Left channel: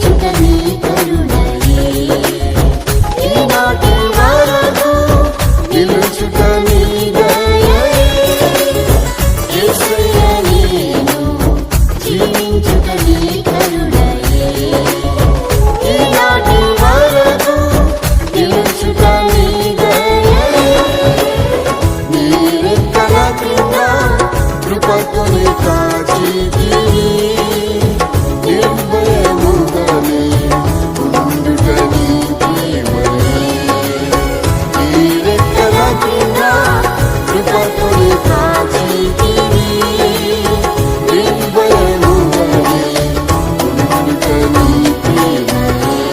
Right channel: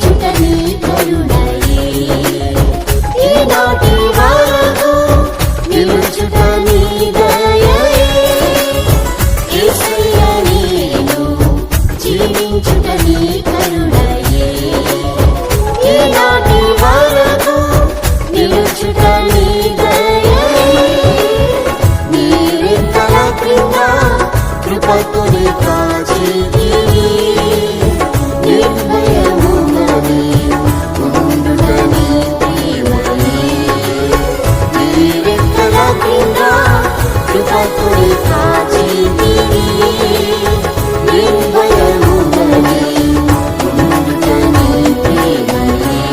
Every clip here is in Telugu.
జీవించుట నీ కరుణయే ఈనాటి వరకు నిలుచుట నీ దయయే యేసయ్యా నేను జీవించుట నీ కరుణయే ఈనాటి వరకు నిలుచుట నీ దయయే నీ రెక్కల క్రింద కృపతోనే కాచితివి నిర్భయముగానే ఉండుట నీ ప్రేమయే నీ రెక్కల క్రింద కృపతోనే కాచితివి నిర్భయముగానే ఉండుట నీ ప్రేమయే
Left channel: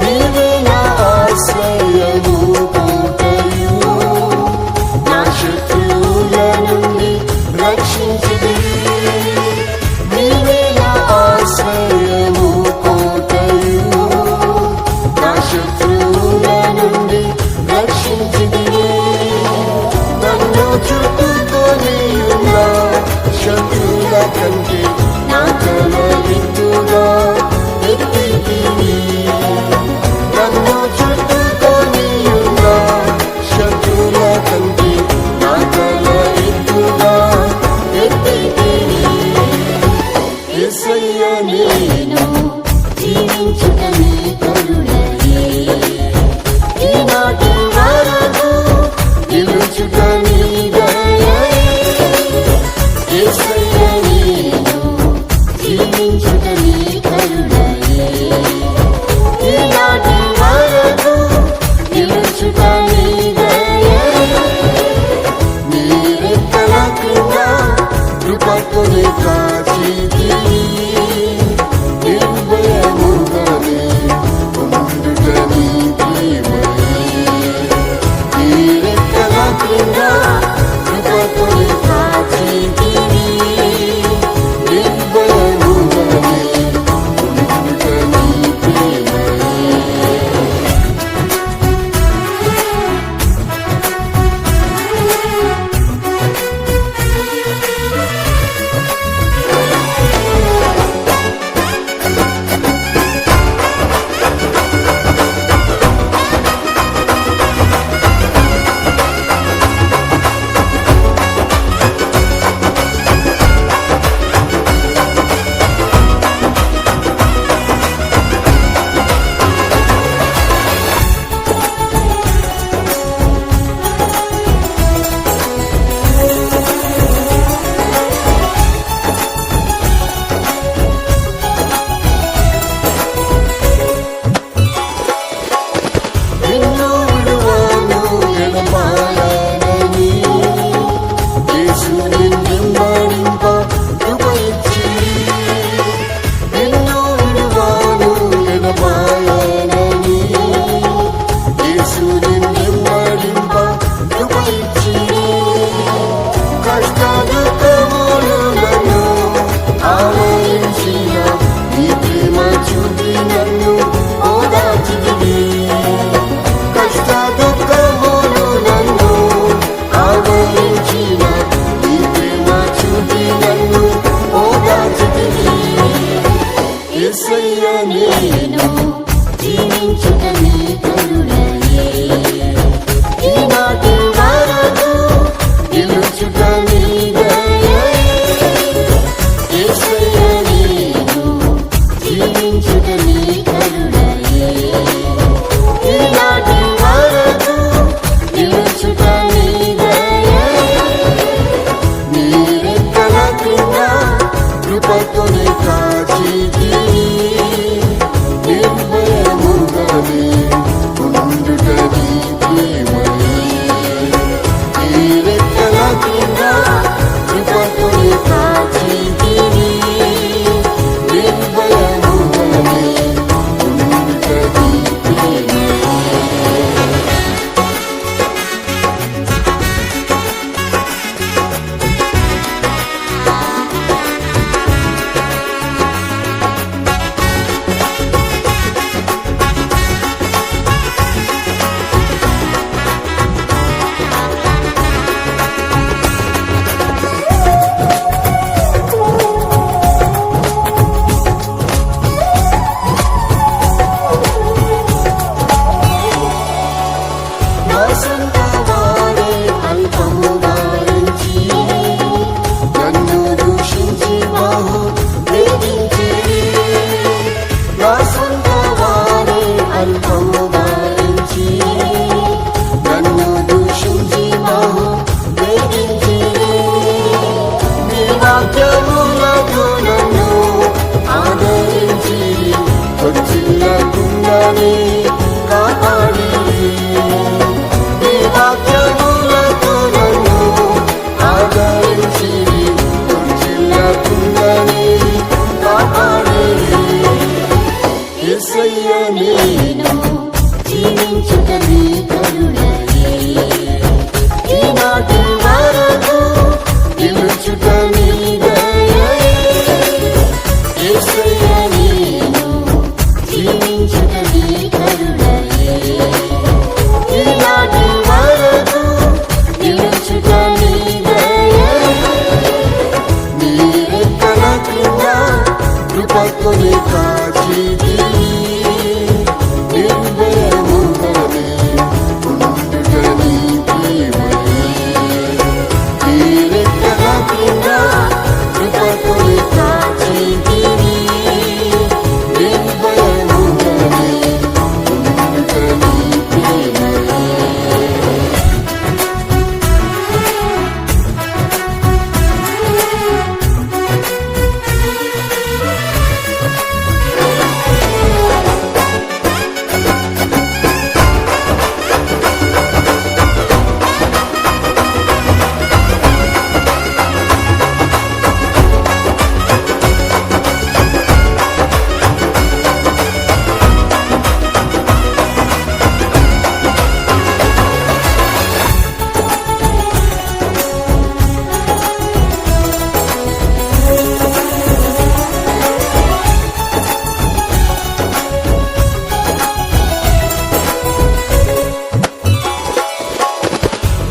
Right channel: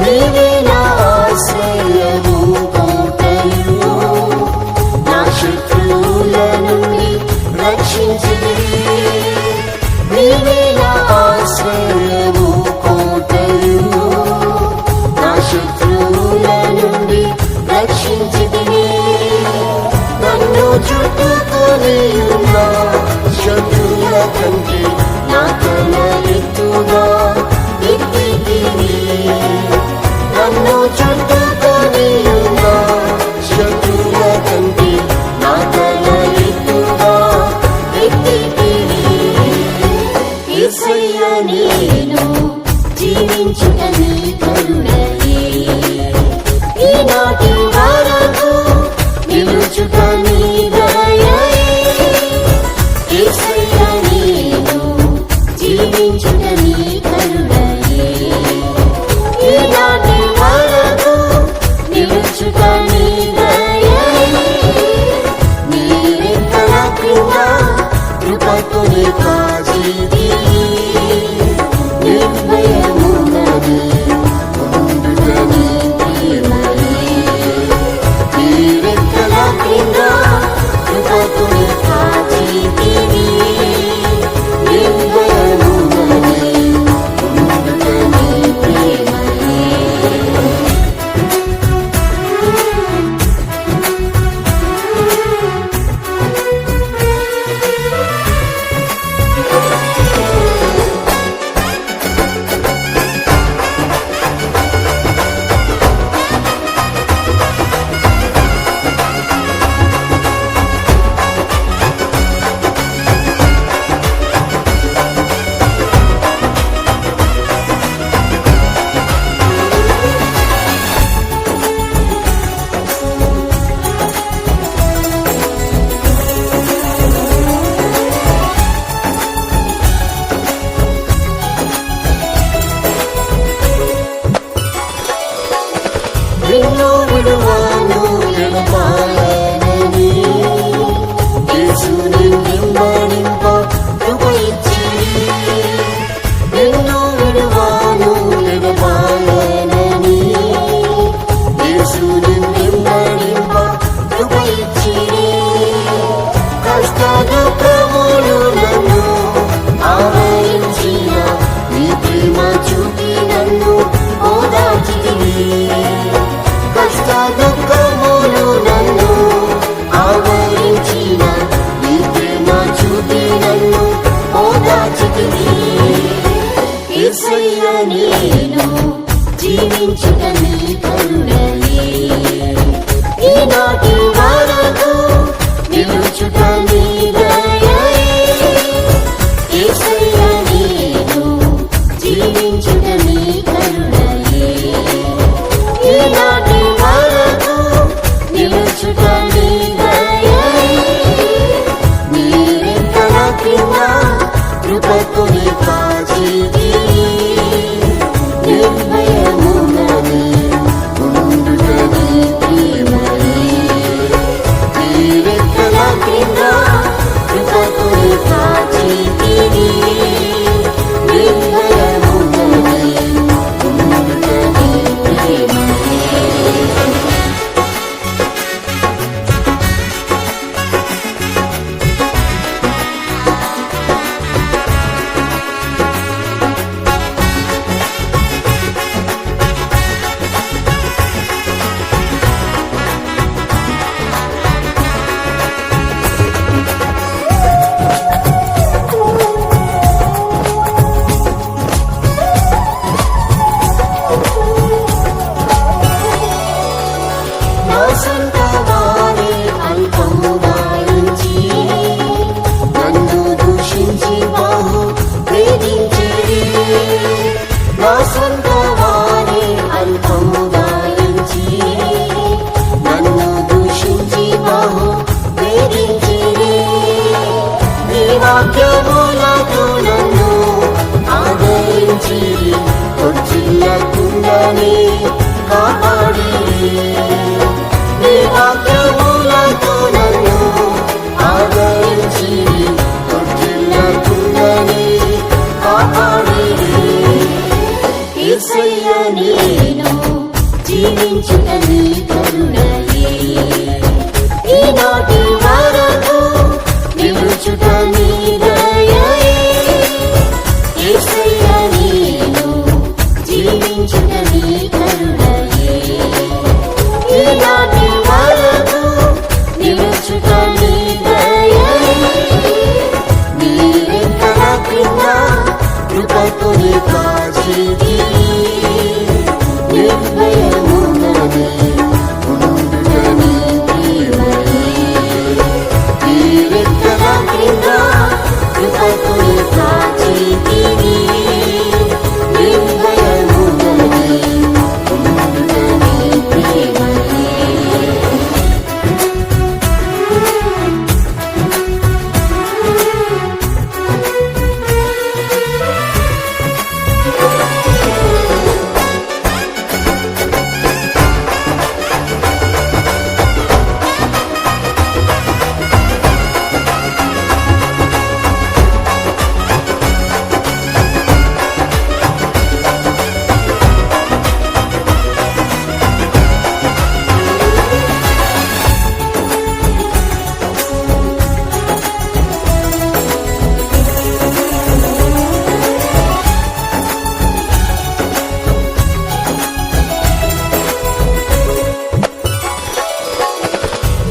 నీవే నా ఆశ్రయము కోటయు నా శత్రువుల నుండి రక్షించితివి నీవే నా ఆశ్రయము కోటయు నా శత్రువుల నుండి రక్షించితివి నన్ను చుట్టుకొని ఉన్న శత్రువుల కంటే నా తల ఎత్తుగా ఎత్తితివి నన్ను చుట్టుకొని ఉన్న శత్రువుల కంటే నా తల ఎత్తుగా ఎత్తితివి యేసయ్యా నేను జీవించుట నీ కరుణయే ఈనాటి వరకు నిలుచుట నీ దయయే యేసయ్యా నేను జీవించుట నీ కరుణయే ఈనాటి వరకు నిలుచుట నీ దయయే నీ రెక్కల క్రింద కృపతోనే కాచితివి నిర్భయముగానే ఉండుట నీ ప్రేమయే నీ రెక్కల క్రింద కృపతోనే కాచితివి నిర్భయముగానే ఉండుట నీ ప్రేమయే నిన్ను విడువను ఎడబాయనని యేసు నిన్నెంబడింప కృప ఇచ్చి నిన్ను విడువను ఎడబాయనని యేసు నిన్నెంబడింప కృప ఇచ్చి కష్ట దుఃఖములు నన్ను ఆవరించిన నీ ప్రేమ చూపి నన్ను ఓదార్చితివి కష్ట దుఃఖములు నన్ను ఆవరించిన నీ ప్రేమ చూపి నన్ను ఓదార్చితివి యేసయ్యా నేను జీవించుట నీ కరుణయే ఈనాటి వరకు నిలుచుట నీ దయయే యేసయ్యా నేను జీవించుట నీ కరుణయే ఈనాటి వరకు నిలుచుట నీ దయయే నీ రెక్కల క్రింద కృపతోనే కాచితివి నిర్భయముగానే ఉండుట నీ ప్రేమయే నీ రెక్కల క్రింద కృపతోనే కాచితివి నిర్భయముగానే ఉండుట నీ ప్రేమయే. నా సొంత వారే అల్పముగా ఎంచి నన్ను దూషించి బహు వేధించిరి. నా సొంత వారే అల్పముగా ఎంచి నన్ను దూషించి బహు వేధించిరి. నీ వాక్యములతో నన్ను ఆదరించిరి, తొట్టిల్లకుండానే కాపాడిరి. నీ వాక్యములతో నన్ను ఆదరించిరి, తొట్టిల్లకుండానే కాపాడిరి. యేసయ్య నేను జీవించుట నీ కరుణయే, ఈనాటి వరకు నిలుచుట నీ దయయే. యేసయ్య నేను జీవించుట నీ కరుణయే, ఈనాటి వరకు నిలుచుట నీ దయయే. నీ రెక్కల క్రింద కృపతోనే కాచితివి, నిర్భయముగానే ఉండుట నీ ప్రేమయే. నీ రెక్కల క్రింద కృపతోనే కాచితివి, నిర్భయముగానే ఉండుట నీ ప్రేమయే.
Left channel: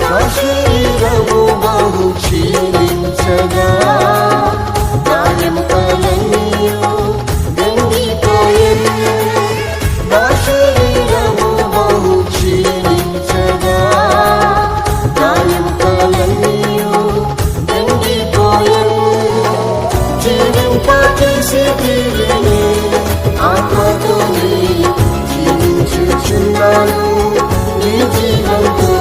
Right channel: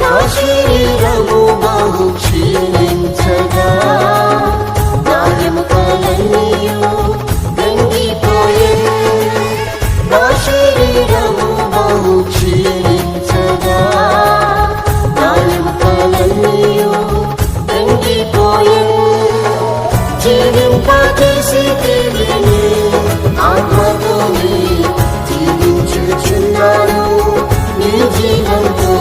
నా శరీరము బహు క్షీణించగా, నా ఎముకలన్నీయు ఎండిపోయెను. నా శరీరము బహు క్షీణించగా, నా ఎముకలన్నీయు ఎండిపోయెను. జీవింపజేసేటివి నీ ఆత్మతోనే జీవించుచున్నాను నీ జీవంతో.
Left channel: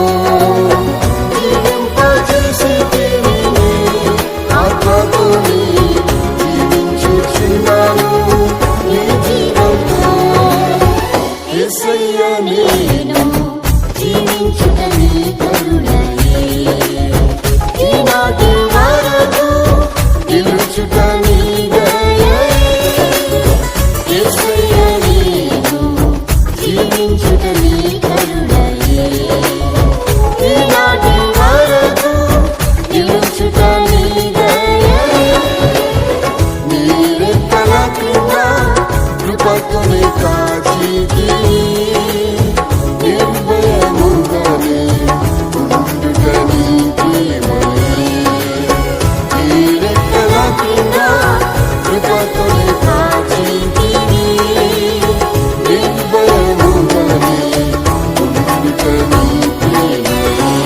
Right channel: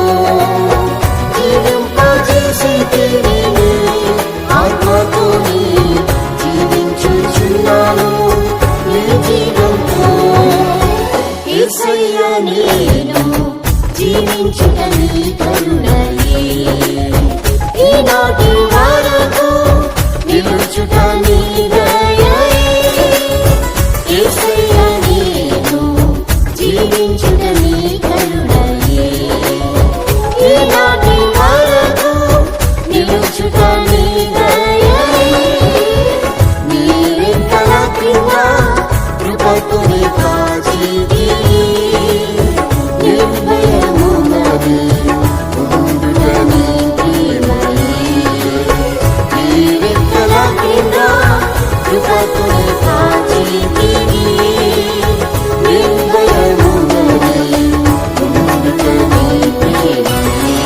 జీవింపజేసేటివి నీ ఆత్మతోనే జీవించుచున్నాను నీ జీవంతో. యేసయ్య నేను జీవించుట నీ కరుణయే, ఈనాటి వరకు నిలుచుట నీ దయయే. యేసయ్య నేను జీవించుట నీ కరుణయే, ఈనాటి వరకు నిలుచుట నీ దయయే. నీ రెక్కల క్రింద కృపతోనే కాచితివి, నిర్భయముగానే ఉండుట నీ ప్రేమయే. నీ రెక్కల క్రింద కృపతోనే కాచితివి, నిర్భయముగానే ఉండుట నీ ప్రేమయే.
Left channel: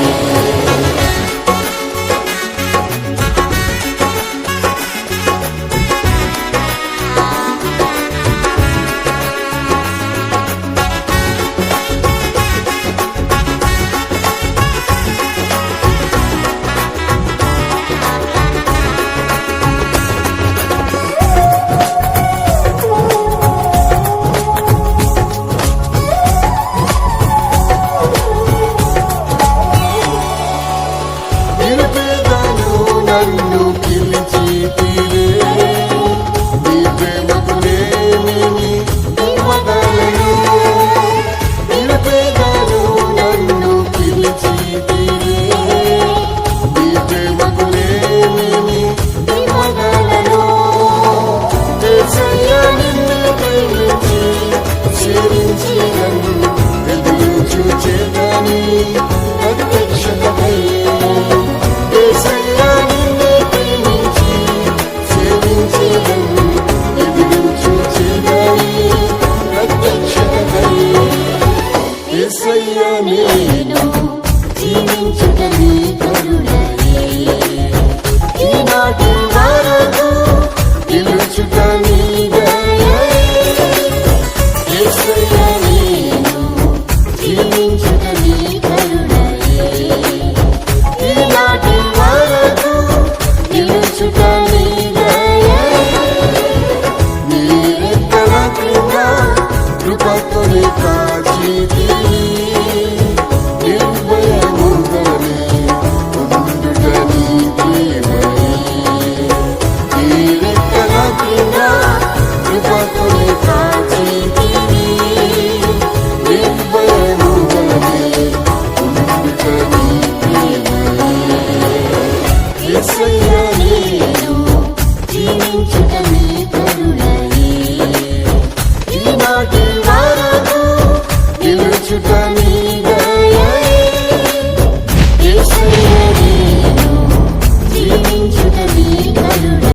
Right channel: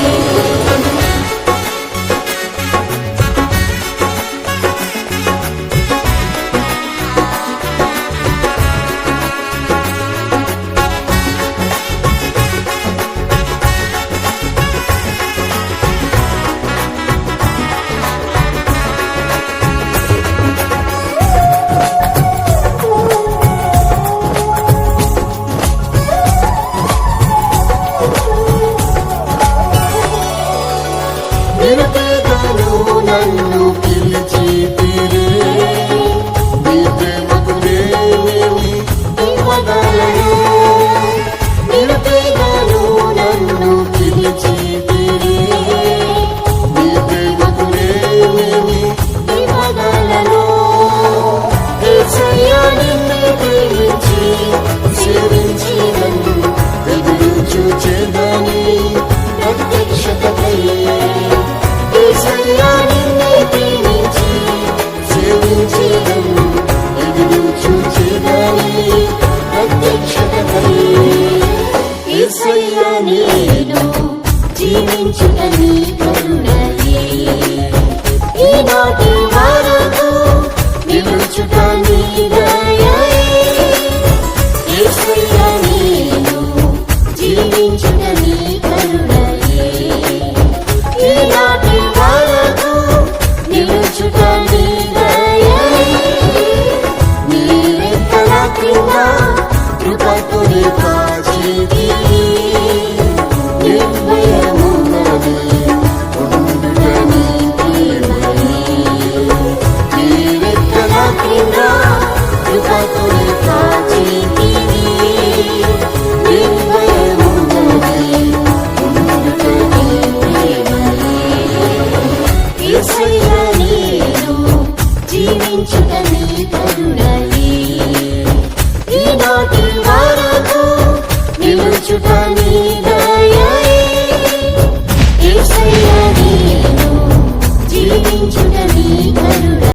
నిరుపేదను నన్ను పిలిచితిరే, నీ ప్రేమకు నేనేమి ఇవ్వగలను? నిరుపేదను నన్ను పిలిచితిరే, నీ ప్రేమకు నేనేమి ఇవ్వగలను? యేసయ్యా నిన్ను ప్రేమించి సేవించి నన్ను ఎదురు చూచేదని ప్రత్యక్షతపై. యేసయ్యా నిన్ను ప్రేమించి సేవించేదను ఎదురు చూచేదని ప్రత్యక్షతపై. యేసయ్యా నేను జీవించుట నీ కరుణయే, ఈనాటి వరకు నిలుచుట నీ దయయే. యేసయ్యా నేను జీవించుట నీ కరుణయే, ఈనాటి వరకు నిలుచుట నీ దయయే. నీ రెక్కల క్రింద కృపతోనే కాచితివి, నిర్భయముగానే ఉండుట నీ ప్రేమయే. నీ రెక్కల క్రింద కృపతోనే కాచితివి, నిర్భయముగానే ఉండుట నీ ప్రేమయే. యేసయ్యా నేను జీవించుట నీ కరుణయే, ఈనాటి వరకు నిలుచుట నీ దయయే.